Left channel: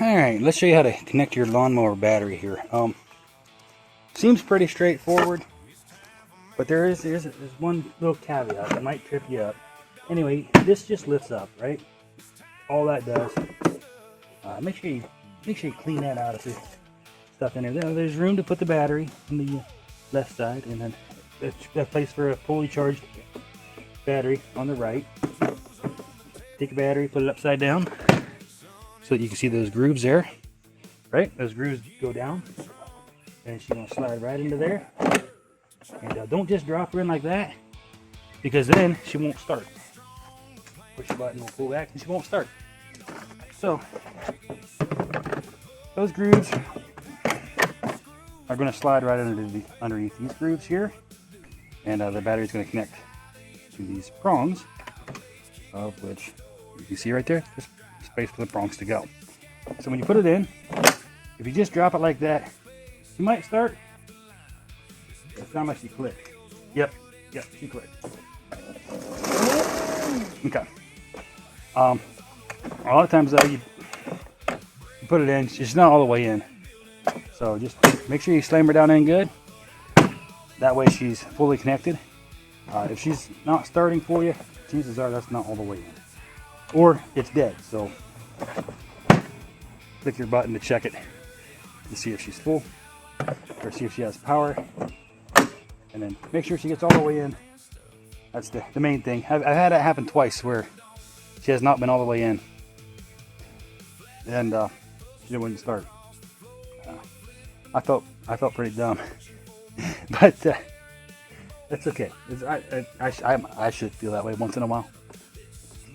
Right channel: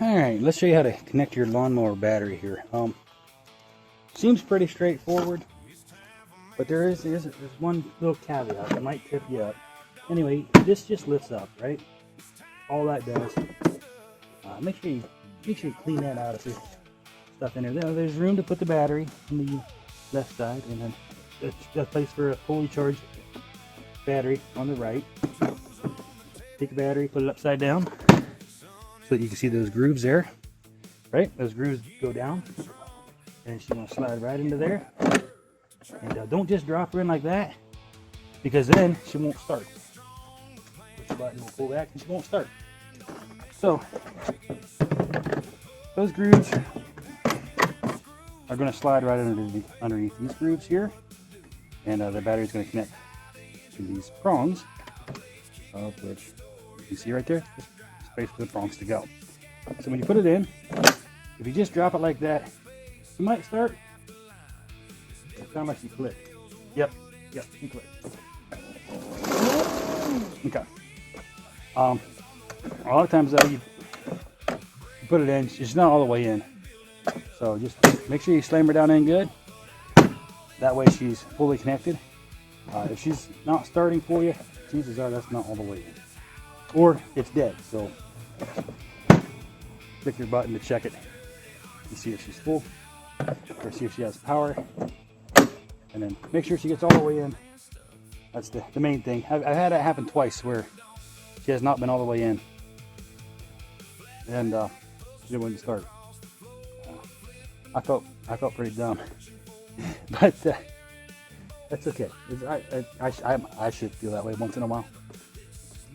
Alright, let's show you how to connect your lawnmower battery here. Seems pretty straightforward, but there's one little caveat that might trip you up. Anyway, this just lifts up, right? All that does. Make sure you clean that out of this stuff in there. Now, there's room to put the battery on the left side, and then it's a place for a fully charged battery on the right. Take a battery, put it upside down, so that you can see those grooves there, right? Those grooves go down, and she's gonna slide right into there. And don't just drop her in like that, because then she won't start. Push the button, will pull back, and she won't start. So those grooves are going to slide right underneath these grooves here, and the battery is going to connect to these prongs, of which you can see right there, there's space for the prongs to go. So when you put it in, if you just drop it like that, it might start. That's how much you click. Yep, you click. Okay. A lot of times though, you put it in, it's not all the way in. So just make sure you slam her down in good. That way she's fully connected. If she's not starting for you, chances are that's not all the way in. Or it's dead, so click your button to check it to see if she's full, or see if she has power. And then make sure she gets all the way in. That's the main thing. I've had it happen twice where she has not been all the way in, and she didn't start. I felt pretty dumb, but that's okay. I should feel that way once in a while.